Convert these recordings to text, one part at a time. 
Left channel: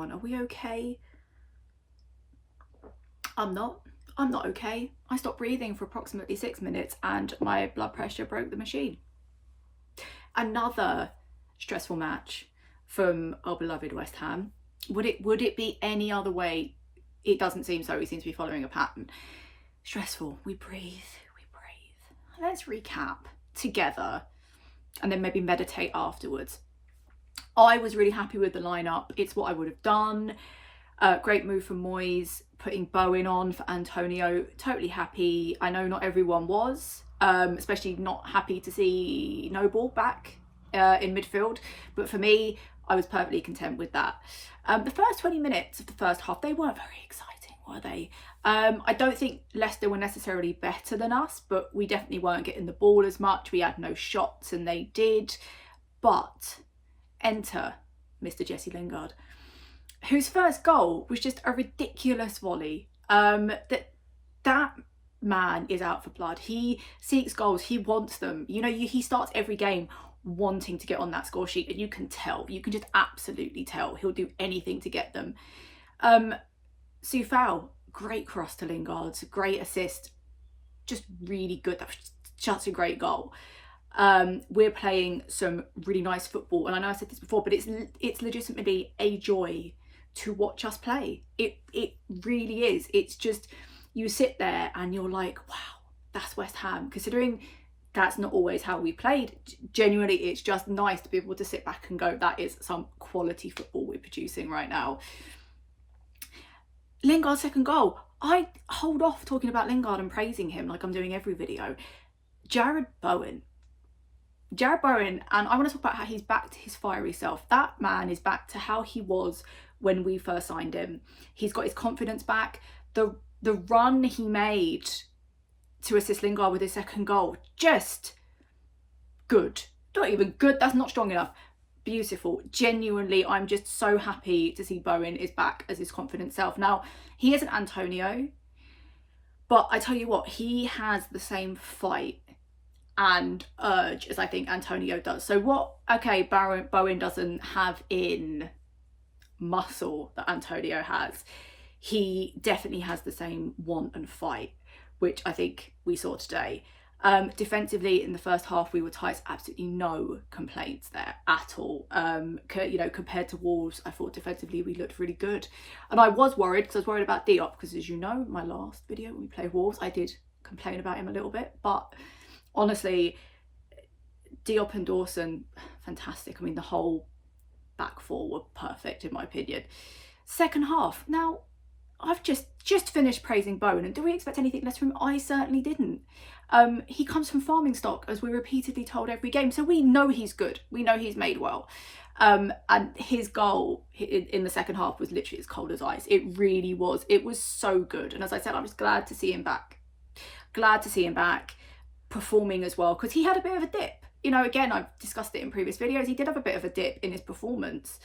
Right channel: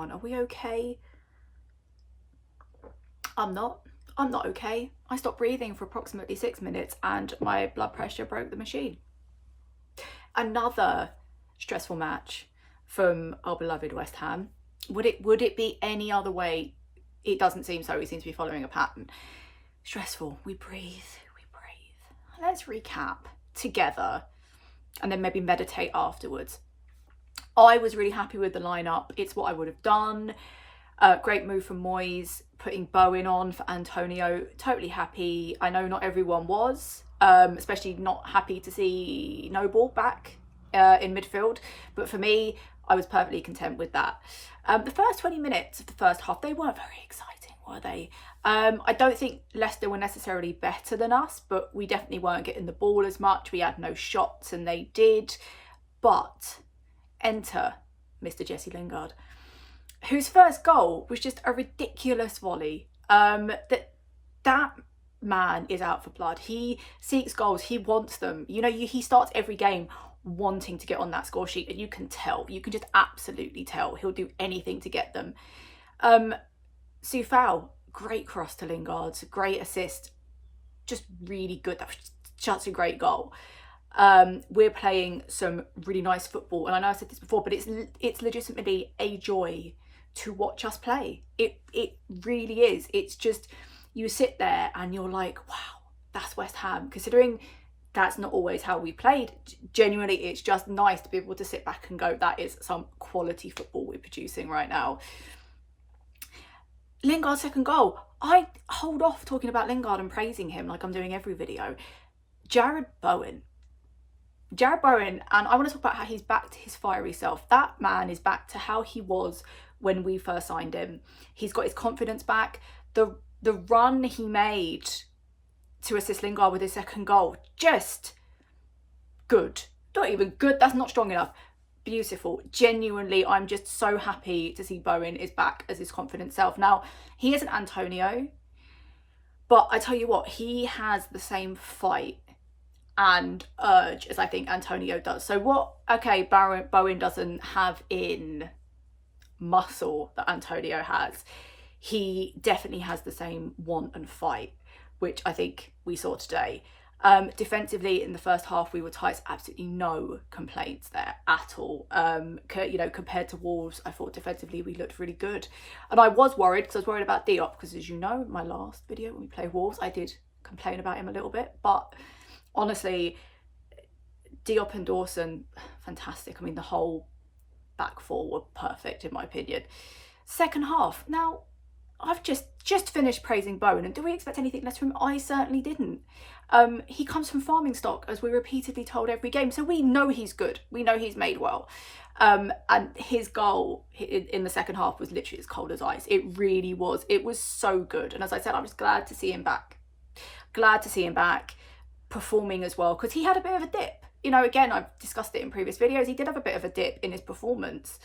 everyone. Are we okay? I'm not okay. I stopped breathing for approximately 6 minutes and my blood pressure broke the machine. Another stressful match from our beloved West Ham. Would it be any other way? It doesn't seem so. We seem to be following a pattern. Stressful. We breathe. Let's recap together and then maybe meditate afterwards. I was really happy with the lineup. It's what I would have done. Great move from Moyes, putting Bowen on for Antonio. Totally happy. I know not everyone was, especially not happy to see Noble back in midfield. But for me, I was perfectly content with that. The first 20 minutes of the first half, they weren't very exciting, were they? I don't think Leicester were necessarily better than us, but we definitely weren't getting the ball as much. We had no shots and they did. But enter Mr. Jesse Lingard, whose first goal was just a ridiculous volley. That man is out for blood. He seeks goals. He wants them. You know, he starts every game wanting to get on that score sheet, and you can tell. You can just absolutely tell. He'll do anything to get them. Sufal, great cross to Lingard, great assist, just really good. That was just a great goal. We're playing some really nice football, and I know I said this before, but it's legitimately a joy to watch us play. It really is. It's just, you sit there and you're like, wow, that's West Ham, considering that's not always how we played. Genuinely, it's just nice to be able to sit back and go, that is some quality football we're producing right now. Lingard's second goal, I hold off talking about Lingard and praising him like I'm doing every video. Jared Bowen, and I want to talk about how he's back to his fiery self. That man is back to how he was when we first signed him. He's got his confidence back. The run he made to assist Lingard with his second goal, just good. Not even good, that's not strong enough. Beautiful. Genuinely, I'm just so happy to see Bowen is back as his confident self. Now, he isn't Antonio, but I tell you what, he has the same fight and urge as I think Antonio does. So what, okay, Bowen doesn't have in muscle that Antonio has. He definitely has the same want and fight, which I think we saw today. Defensively, in the first half, we were tight. Absolutely no complaints there at all. You know, compared to Wolves, I thought defensively we looked really good. And I was worried, because I was worried about Diop, because as you know, my last video when we played Wolves, I did complain about him a little bit. But honestly, Diop and Dawson, fantastic. I mean, the whole back four were perfect in my opinion. Second half, now I've just finished praising Bowen, and do we expect anything less from him? I certainly didn't. He comes from farming stock, as we're repeatedly told every game, so we know he's good. We know he's made well. And his goal in the second half was literally as cold as ice. It really was. It was so good. And as I said, I'm just glad to see him back. Glad to see him back performing as well, because he had a bit of a dip. You know, again, I've discussed it in previous videos. He did have a bit of a dip in his performance.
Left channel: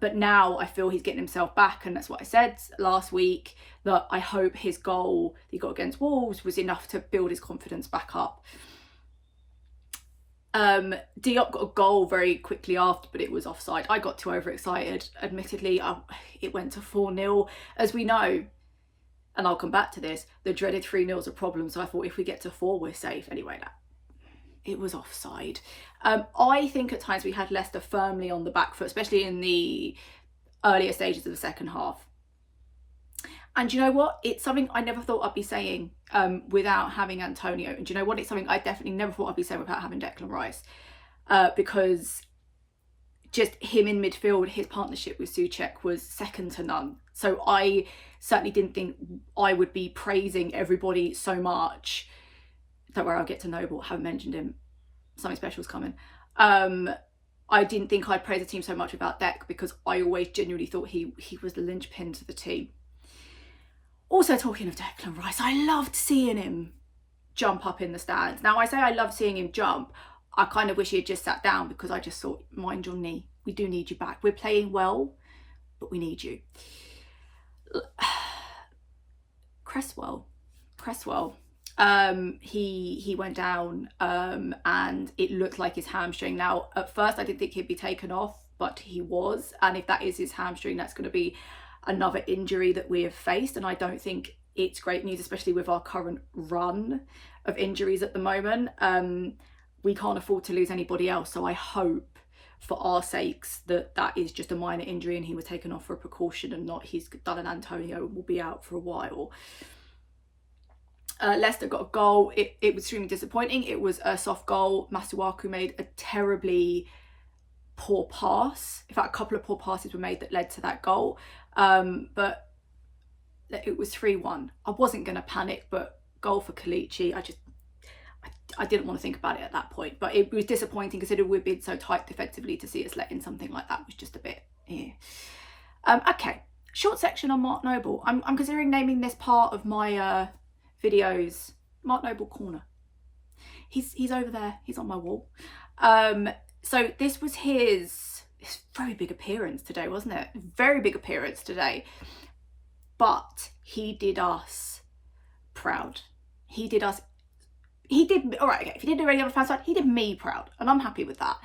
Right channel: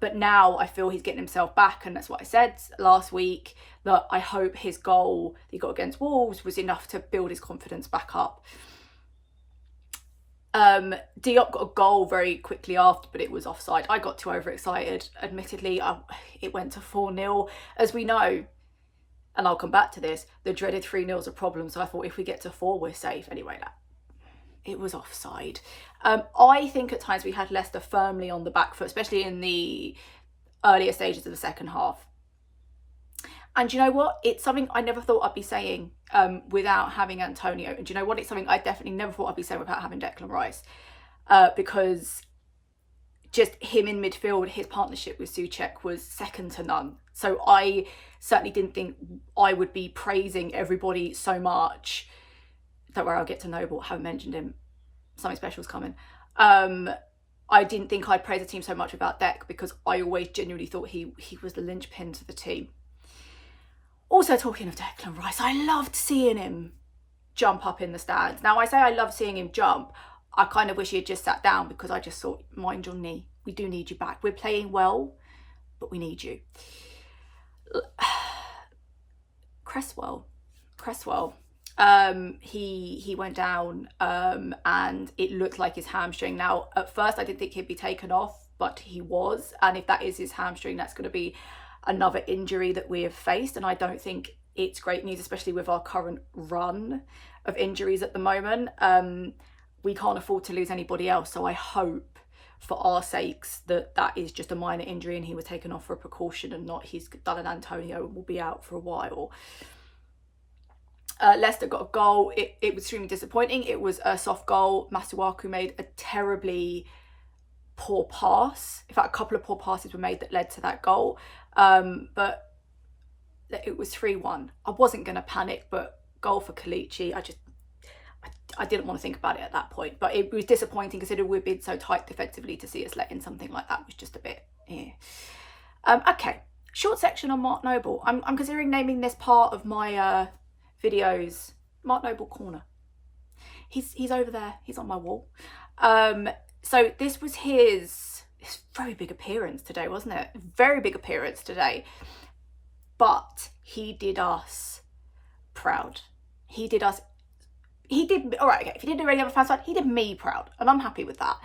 But now I feel he's getting himself back, and that's what I said last week, that I hope his goal that he got against Wolves was enough to build his confidence back up. Diop got a goal very quickly after, but it was offside. I got too overexcited, admittedly. It went to 4-0, as we know, and I'll come back to this, the dreaded 3-0's a problem, so I thought if we get to 4 we're safe. Anyway, it was offside. I think at times we had Leicester firmly on the back foot, especially in the earlier stages of the second half. And you know what? It's something I never thought I'd be saying without having Antonio. And you know what? It's something I definitely never thought I'd be saying without having Declan Rice. Because just him in midfield, his partnership with Souček was second to none. So I certainly didn't think I would be praising everybody so much. Don't worry, I'll get to Noble. Haven't mentioned him. Something special's coming. I didn't think I'd praise the team so much without Dec, because I always genuinely thought he was the linchpin to the team. Also, talking of Declan Rice, I loved seeing him jump up in the stands. Now, I say I love seeing him jump. I kind of wish he had just sat down, because I just thought, mind your knee. We do need you back. We're playing well, but we need you. Cresswell. He went down and it looked like his hamstring. Now, at first I didn't think he'd be taken off. but he was. And if that is his hamstring, that's going to be another injury that we have faced. And I don't think it's great news, especially with our current run of injuries at the moment. We can't afford to lose anybody else. So I hope for our sakes that that is just a minor injury and he was taken off for a precaution and not he's done an Antonio and will be out for a while. Leicester got a goal. It was extremely disappointing. It was a soft goal. Masuaku made a terribly poor pass. In fact, a couple of poor passes were made that led to that goal. But it was 3-1. I wasn't going to panic, but goal for Kalichi, I didn't want to think about it at that point. But it was disappointing considering we've been so tight defensively. To see us let in something like that was just a bit, yeah. Okay, short section on Mark Noble. I'm considering naming this part of my videos Mark Noble Corner. He's over there. He's on my wall. So this was his very big appearance today, wasn't it? Very big appearance today. But he did us proud. He did, all right, okay, if he didn't do any other fan side, he did me proud. And I'm happy with that.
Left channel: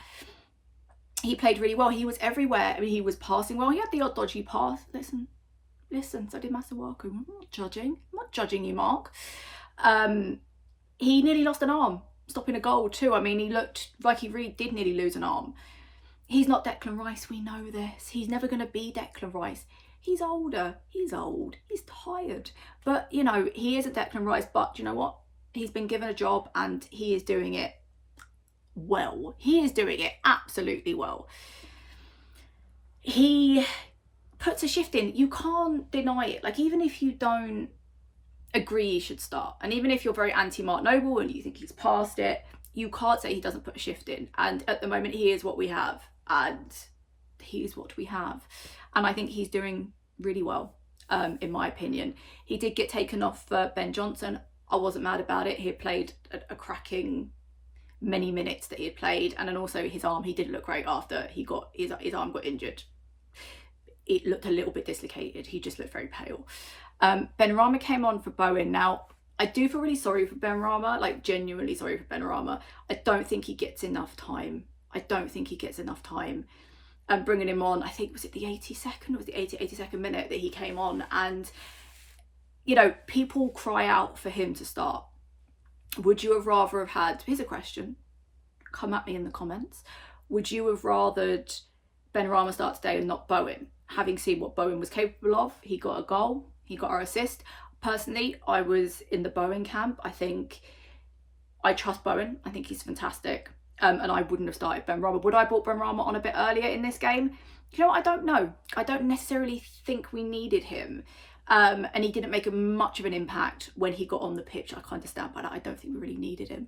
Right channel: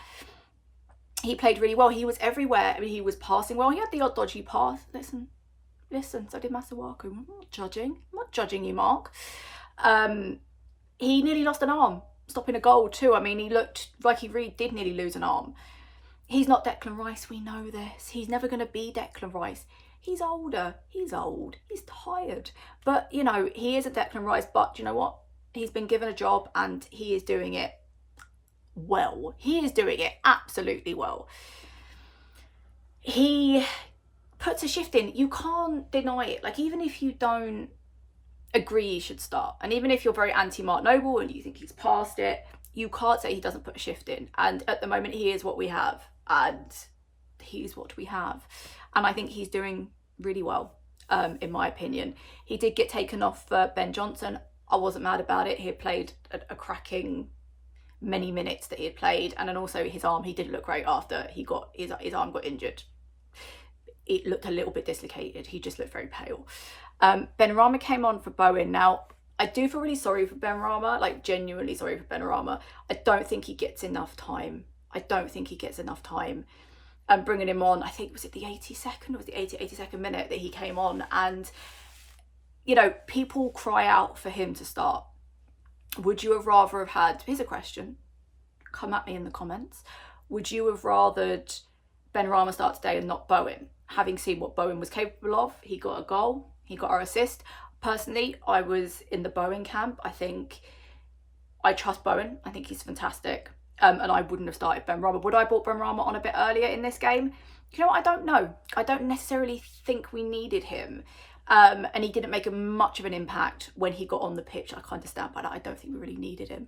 He played really well. He was everywhere. I mean, he was passing well. He had the odd dodgy pass. Listen, so did Masuaku. I'm not judging you, Mark. He nearly lost an arm, stopping a goal too. I mean, he looked like he really did nearly lose an arm. He's not Declan Rice, we know this. He's never going to be Declan Rice. He's older, he's old, he's tired. But, you know, he isn't Declan Rice, but you know what? He's been given a job and he is doing it well. He is doing it absolutely well. He puts a shift in. You can't deny it. Like, even if you don't agree he should start, and even if you're very anti-Mark Noble and you think he's past it, you can't say he doesn't put a shift in. And at the moment, he is what we have. And he is what we have. And I think he's doing really well, in my opinion. He did get taken off for Ben Johnson. I wasn't mad about it. He had played a cracking many minutes that he had played. And then also his arm, he didn't look great after he got his arm got injured. It looked a little bit dislocated. He just looked very pale. Benrahma came on for Bowen. Now, I do feel really sorry for Benrahma, like genuinely sorry for Benrahma. I don't think he gets enough time. Bringing him on, I think, was it the 82nd? Or was the 82nd minute that he came on? And, you know, people cry out for him to start. Would you have rather have had, here's a question, come at me in the comments. Would you have rathered Benrahma start today and not Bowen? Having seen what Bowen was capable of, he got a goal, he got our assist. Personally, I was in the Bowen camp. I think I trust Bowen. I think he's fantastic. And I wouldn't have started Benrahma. Would I have brought Benrahma on a bit earlier in this game? You know what? I don't know. I don't necessarily think we needed him. And he didn't make much of an impact when he got on the pitch. I kind of stand by that. I don't think we really needed him.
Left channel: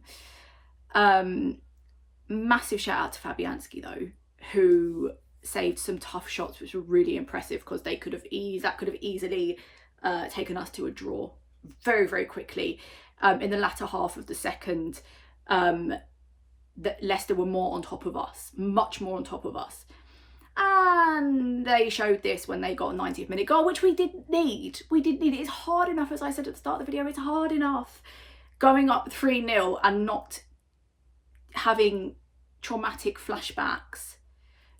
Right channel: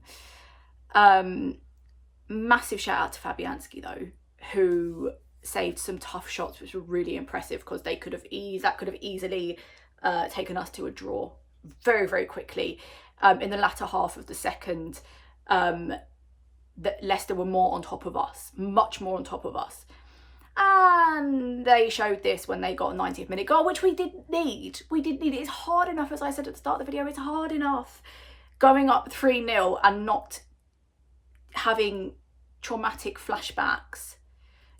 Massive shout out to Fabianski though, who saved some tough shots, which were really impressive because that could have easily taken us to a draw very, very quickly. In the latter half of the second, that Leicester were more on top of us, much more on top of us. And they showed this when they got a 90th minute goal, which we did need. It's hard enough, as I said at the start of the video, it's hard enough going up 3-0 and not having traumatic flashbacks.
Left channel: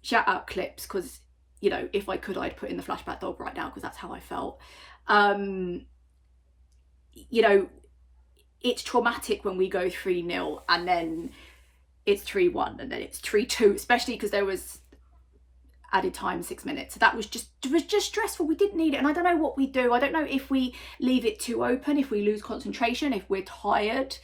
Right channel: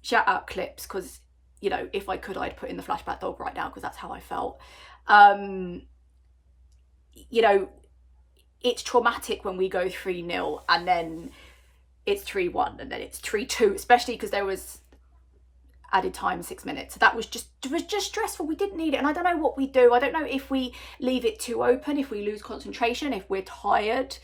Shout out clips, because, you know, if I could, I'd put in the flashback dog right now because that's how I felt. You know, it's traumatic when we go 3-0 and then it's 3-1 and then it's 3-2, especially because there was added time, 6 minutes. So that was just stressful. We didn't need it. And I don't know what we do. I don't know if we leave it too open, if we lose concentration, if we're tired.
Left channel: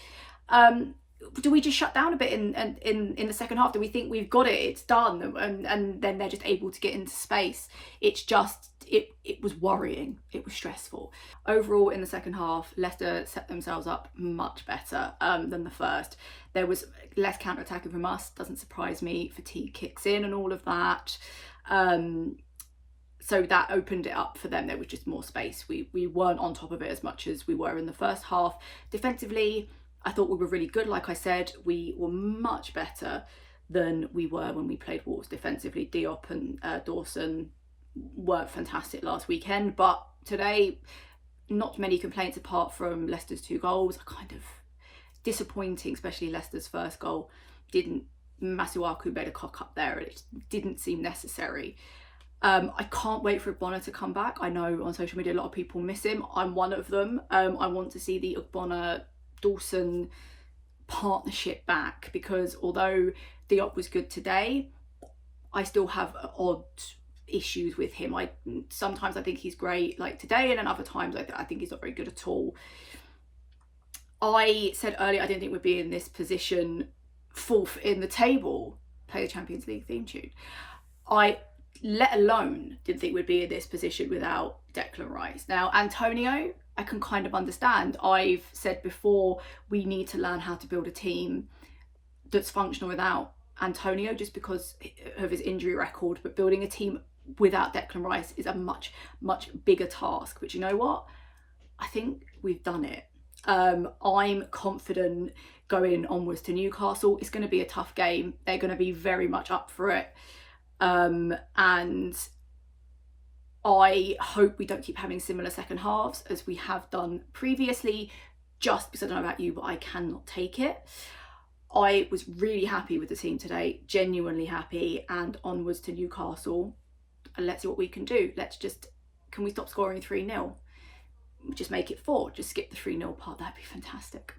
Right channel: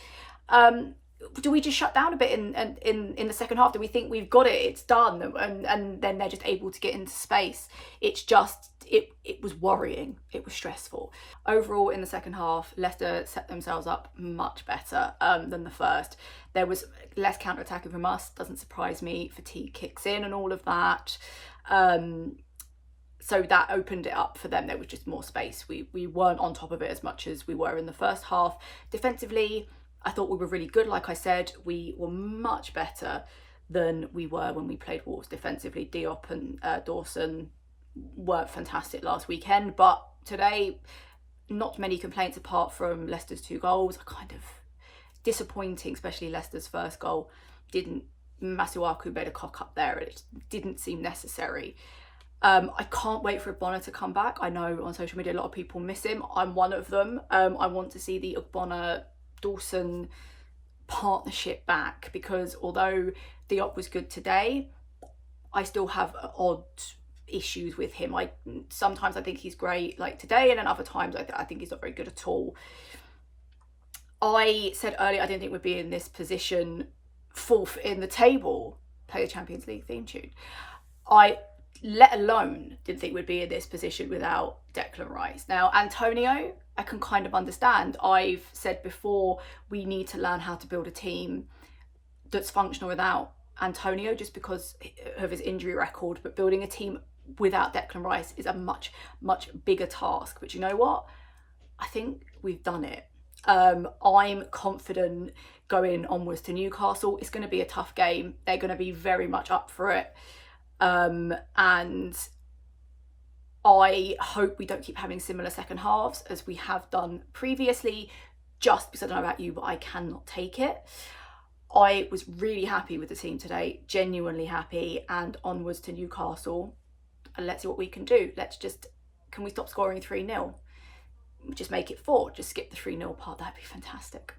Do we just shut down a bit in the second half? Do we think we've got it, it's done, and then they're just able to get into space? It's just, it was worrying. It was stressful. Overall, in the second half, Leicester set themselves up much better than the first. There was less counter-attacking from us. Doesn't surprise me. Fatigue kicks in and all of that. So that opened it up for them. There was just more space. We weren't on top of it as much as we were in the first half. Defensively, I thought we were really good. Like I said, we were much better than we were when we played Wolves defensively. Diop and Dawson weren't fantastic last weekend, but today, not many complaints apart from Leicester's 2 goals. Kind of disappointing, especially Leicester's first goal. Didn't Masuaku made a cock up there, and it didn't seem necessary. I can't wait for Ogbonna to come back. I know on social media a lot of people miss him. I'm one of them. I want to see the Ogbonna-Dawson partnership back, because although Diop was good today, I still have odd issues with him. Sometimes I think he's great, like today, and then other times I think he's not very good at all. I said earlier I didn't think we'd be in this position 4th in the table. Play the Champions League theme tune. I, let alone, didn't think we'd be in this position without Declan Rice. Now, Antonio, I can kind of understand. I've said before, we need to learn how to build a team that's functional without Antonio, just because of his injury record. But building a team without Declan Rice is a much, much bigger task. But you know what? I think we've done it. I'm confident going onwards to Newcastle. It's going to be a tough game. They're going to be very much up for it. And I hope we don't keep having similar second halves as we have done previously, just because I don't know about you, but I cannot take it. I was really happy with the team today, genuinely happy, and onwards to Newcastle. And let's see what we can do. Can we stop scoring 3-0? Just make it 4, just skip the 3-0 part. That'd be fantastic.